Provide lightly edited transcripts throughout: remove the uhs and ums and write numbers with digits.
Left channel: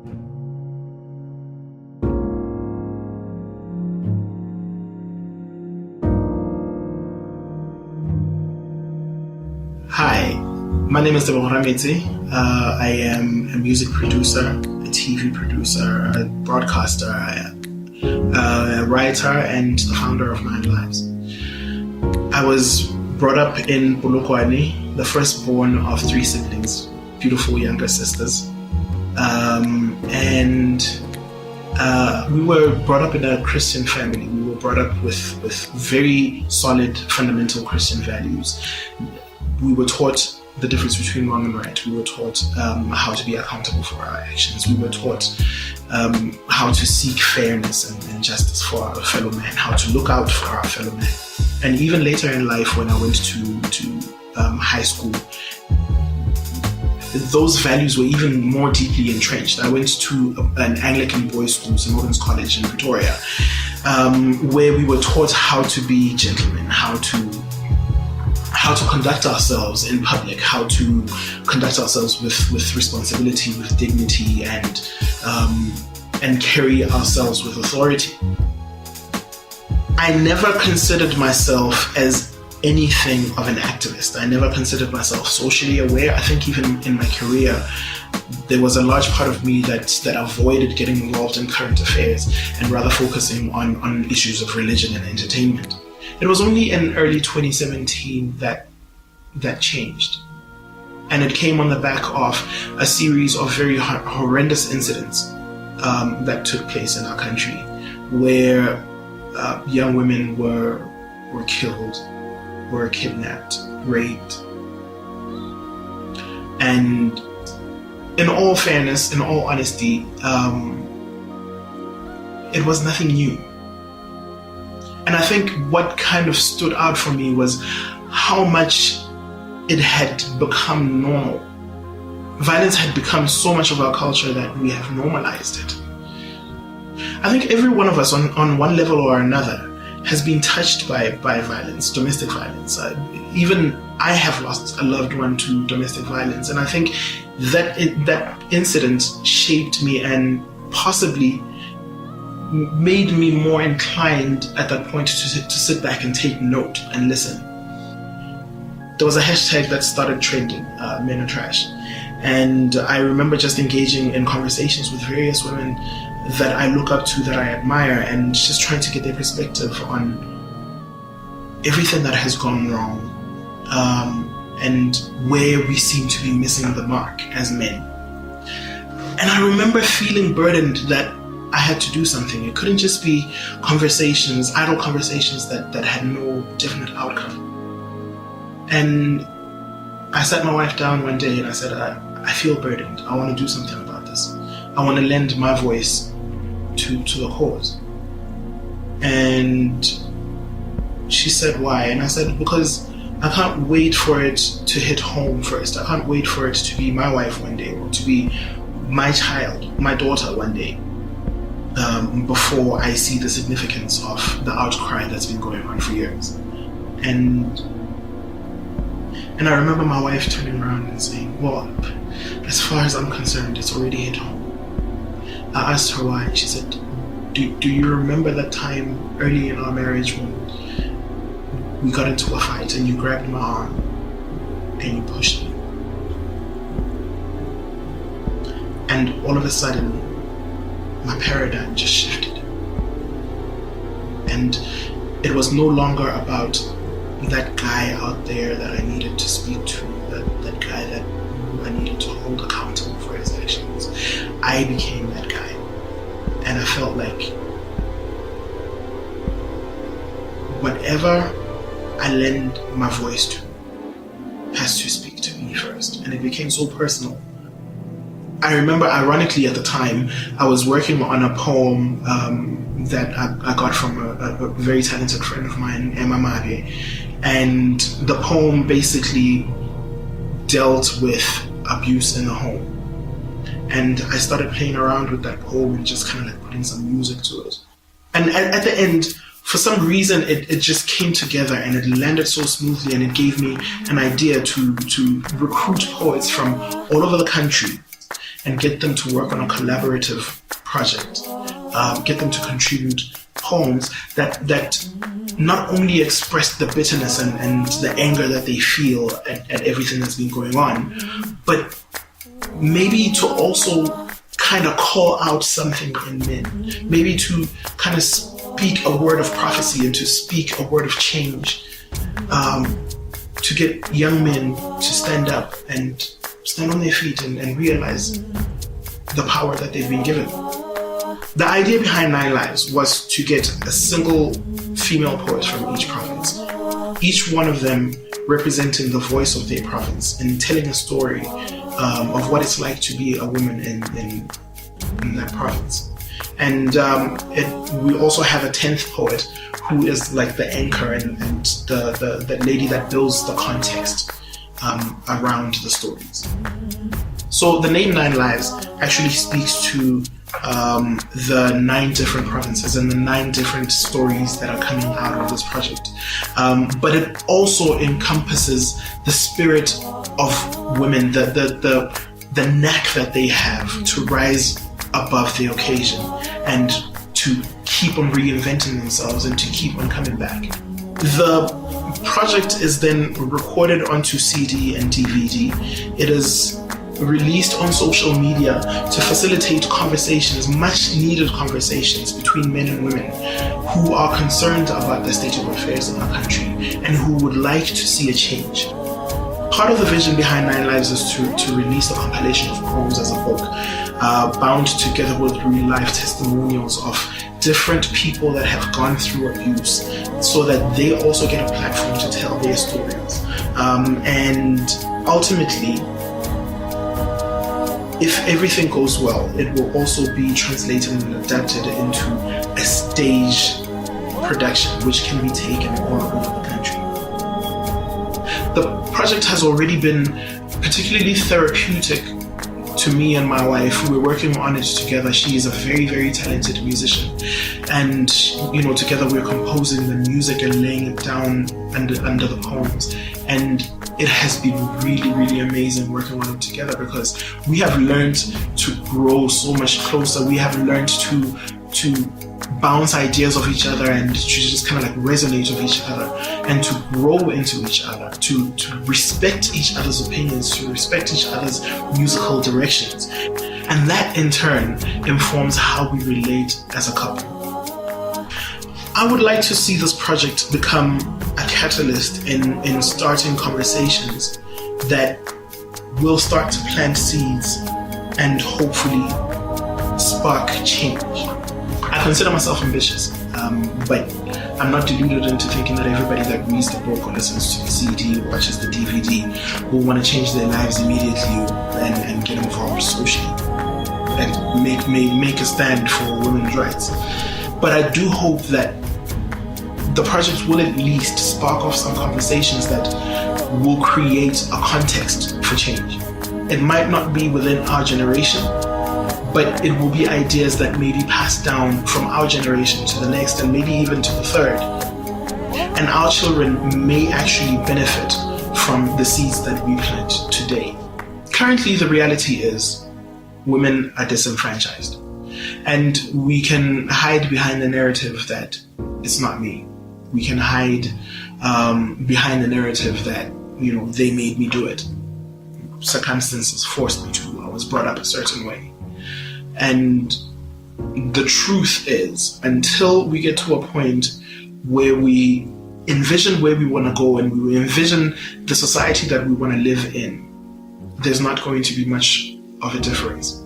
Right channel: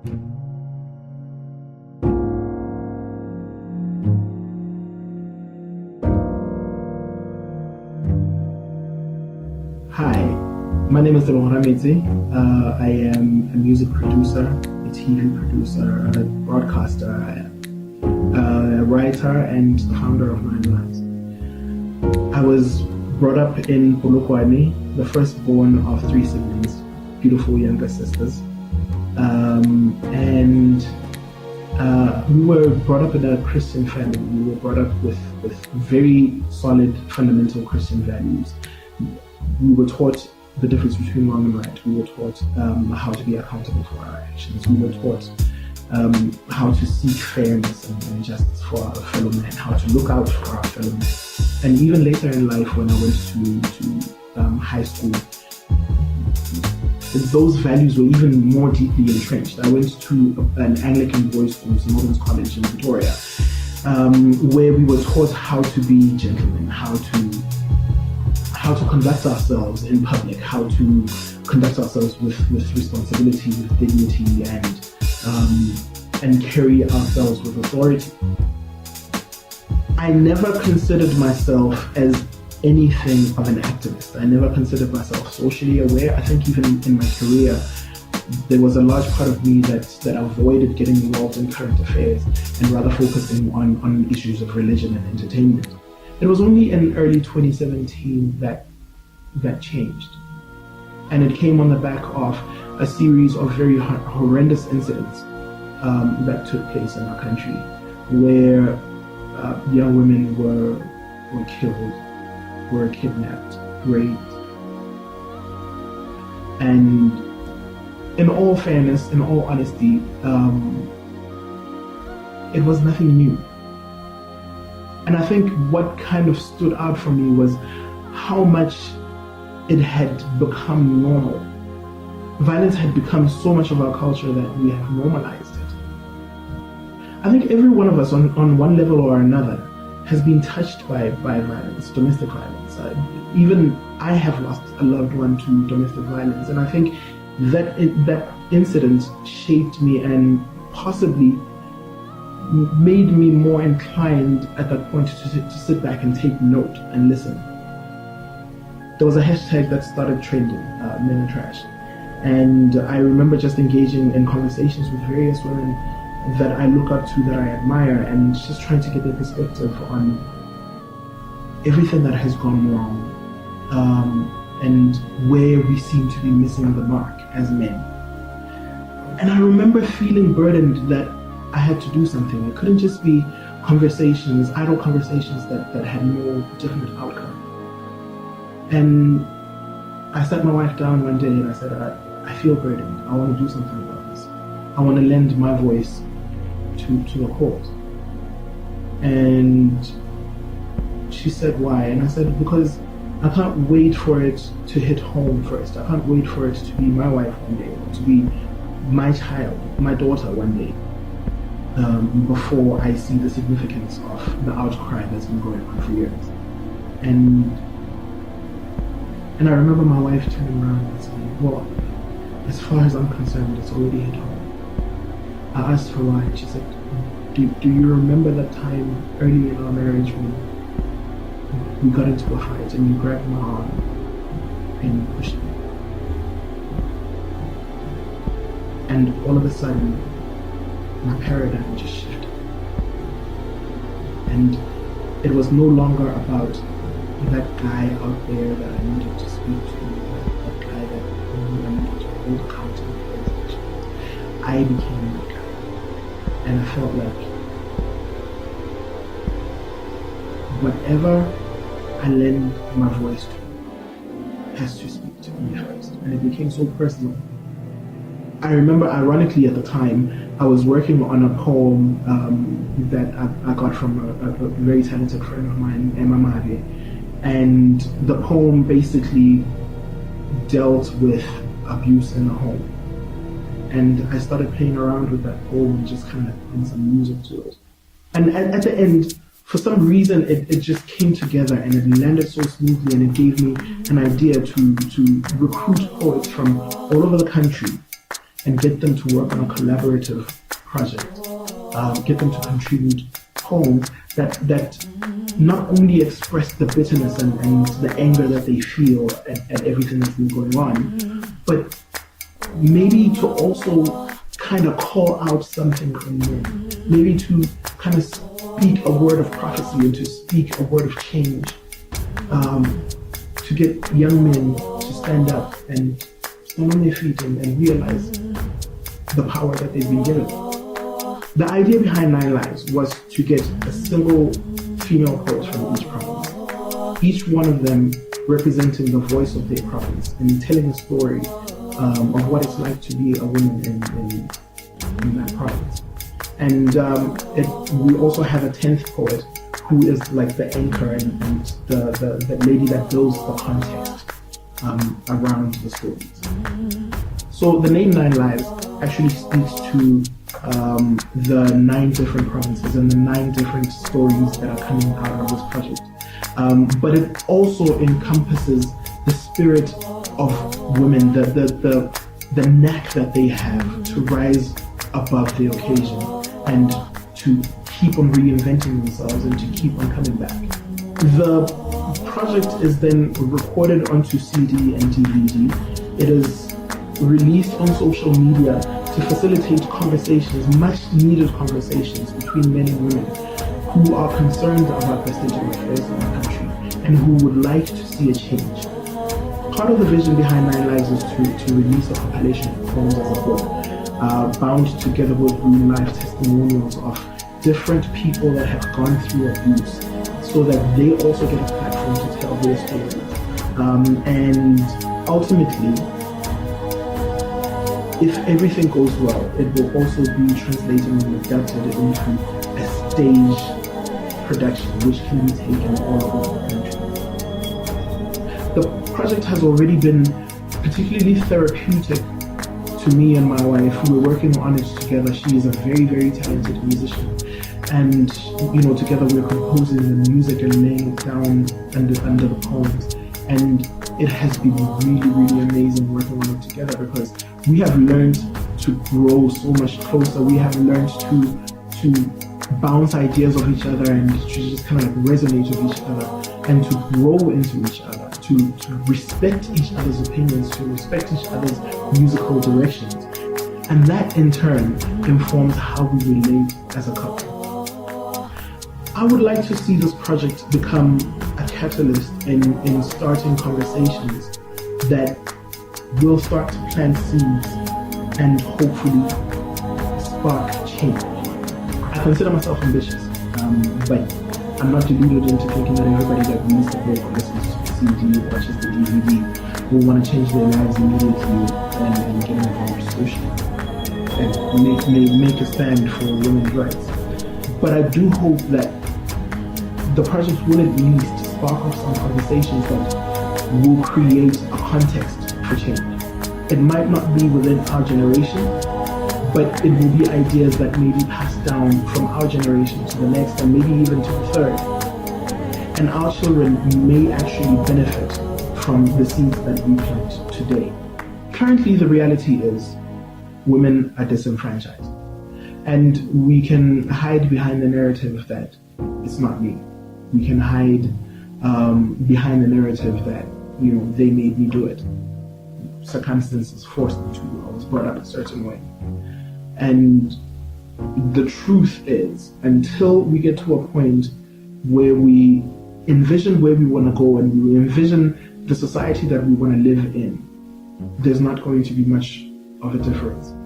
Hi, my name is Tebogo. I am a music producer, a TV producer, a broadcaster, a writer, and the founder of Nine Lives. I was brought up in Polokwane, the firstborn of 3 siblings, beautiful younger sisters. We were brought up in a Christian family. We were brought up with very solid fundamental Christian values. We were taught the difference between wrong and right. We were taught how to be accountable for our actions. We were taught how to seek fairness and justice for our fellow man, how to look out for our fellow man. And even later in life, when I went to high school, those values were even more deeply entrenched. I went to an Anglican boys' school, St. Morgan's College in Pretoria, where we were taught how to be gentlemen, how to conduct ourselves in public, how to conduct ourselves with responsibility, with dignity, and carry ourselves with authority. I never considered myself as anything of an activist. I never considered myself socially aware. I think even in my career, there was a large part of me that avoided getting involved in current affairs and rather focusing on issues of religion and entertainment. It was only in early 2017 that changed. And it came on the back of a series of very horrendous incidents that took place in our country, where young women were killed, were kidnapped, raped. And in all fairness, in all honesty, it was nothing new. And I think what kind of stood out for me was how much it had become normal. Violence had become so much of our culture that we have normalized it. I think every one of us on one level or another has been touched by violence, domestic violence. Even I have lost a loved one to domestic violence, and I think that incident shaped me and possibly made me more inclined at that point to sit back and take note and listen. There was a hashtag that started trending, Men Are Trash, and I remember just engaging in conversations with various women that I look up to, that I admire, and just trying to get their perspective on everything that has gone wrong, and where we seem to be missing the mark as men. And I remember feeling burdened that I had to do something. It couldn't just be conversations, idle conversations that had no definite outcome. And I sat my wife down one day and I said, I feel burdened. I want to do something about this. I want to lend my voice to the cause. And she said, why? And I said, because I can't wait for it to hit home first. I can't wait for it to be my wife one day, or to be my child, my daughter one day, before I see the significance of the outcry that's been going on for years. And I remember my wife turning around and saying, well, as far as I'm concerned, it's already hit home. I asked her why. She said, do you remember that time early in our marriage when we got into a fight and you grabbed my arm and you pushed me? And all of a sudden, my paradigm just shifted. And it was no longer about that guy out there that I needed to speak to, that guy that I needed to hold accountable for his actions. I became that guy. And I felt like whatever I lend my voice to has to speak to me first. And it became so personal. I remember, ironically, at the time, I was working on a poem that I got from a very talented friend of mine, Emma Mabe. And the poem basically dealt with abuse in the home. And I started playing around with that poem and just kind of like putting some music to it. And at the end, for some reason, it just came together and it landed so smoothly, and it gave me an idea to recruit poets from all over the country and get them to work on a collaborative project, get them to contribute poems that not only express the bitterness and the anger that they feel at everything that's been going on, but maybe to also kind of call out something in men, maybe to kind of speak a word of prophecy and to speak a word of change, to get young men to stand up and stand on their feet and realize the power that they've been given. The idea behind 9 Lives was to get a single female poet from each province, each one of them representing the voice of their province and telling a story of what it's like to be a woman in that province. And we also have a 10th poet who is like the anchor and the lady that builds the context around the stories. So the name 9 Lives actually speaks to the 9 different provinces and the 9 different stories that are coming out of this project. But it also encompasses the spirit of women, the knack that they have to rise above the occasion and to keep on reinventing themselves and to keep on coming back. The project is then recorded onto CD and DVD. It is released on social media to facilitate conversations, much needed conversations between men and women who are concerned about the state of affairs in our country and who would like to see a change. Part of the vision behind 9 Lives is to release a compilation of poems as a book, bound together with real-life testimonials of different people that have gone through abuse, so that they also get a platform to tell their stories. And ultimately, if everything goes well, it will also be translated and adapted into a stage production, which can be taken all over the country. The project has already been particularly therapeutic to me and my wife. We're working on it together. She is a very, very talented musician. And, together we're composing the music and laying it down under the poems. And it has been really, really amazing working on it together because we have learned to grow so much closer. We have learned to bounce ideas off each other and to just kind of like resonate with each other and to grow into each other, to respect each other's opinions, to respect each other's musical directions. And that in turn informs how we relate as a couple. I would like to see this project become a catalyst in starting conversations that will start to plant seeds and hopefully spark change. I consider myself ambitious, but I'm not deluded into thinking that everybody that reads the book or listens to the CD or watches the DVD will want to change their lives immediately and get involved socially and make a stand for women's rights. But I do hope that the project will at least spark off some conversations that will create a context for change. It might not be within our generation, but it will be ideas that may be passed down from our generation to the next and maybe even to the third. And our children may actually benefit from the seeds that we plant today. Currently, the reality is women are disenfranchised. And we can hide behind the narrative that it's not me. We can hide behind the narrative that, they made me do it. Circumstances forced me to. I was brought up a certain way. And the truth is, until we get to a point where we envision where we want to go and we envision the society that we want to live in, there's not going to be much of a difference.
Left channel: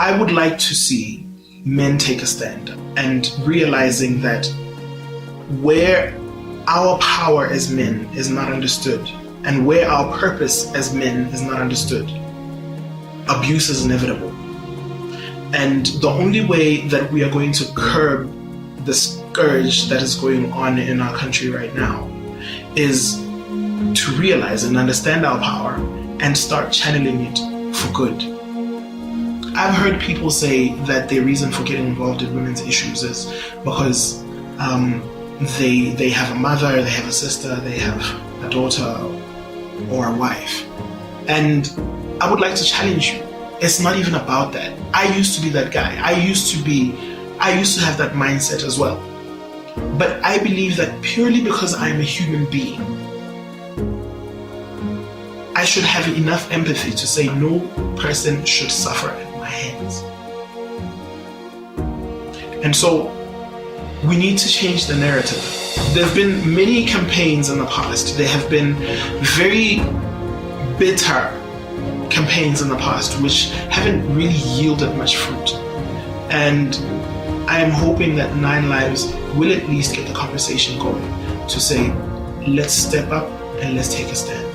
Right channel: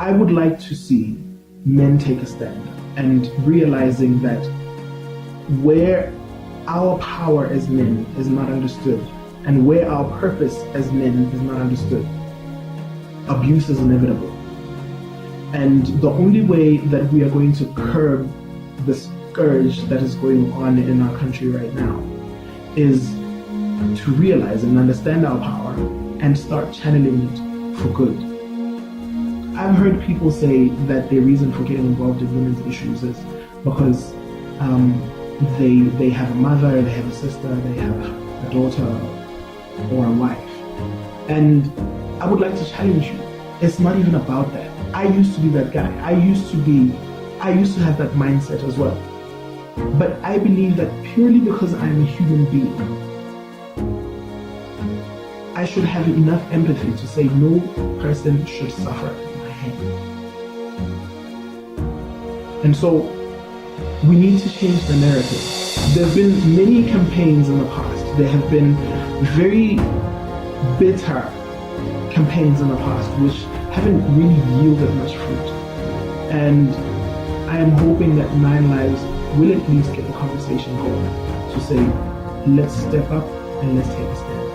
I would like to see men take a stand and realizing that where our power as men is not understood and where our purpose as men is not understood, abuse is inevitable. And the only way that we are going to curb the scourge that is going on in our country right now is to realize and understand our power and start channeling it for good. I've heard people say that their reason for getting involved in women's issues is because they have a mother, they have a sister, they have a daughter or a wife. And I would like to challenge you It's not even about that. I used to be that guy. I used to have that mindset as well. But I believe that purely because I'm a human being, I should have enough empathy to say no person should suffer at my hands. And so we need to change the narrative. There have been many campaigns in the past. There have been very bitter campaigns in the past which haven't really yielded much fruit. And I am hoping that 9 Lives will at least get the conversation going to say, let's step up and let's take a stand.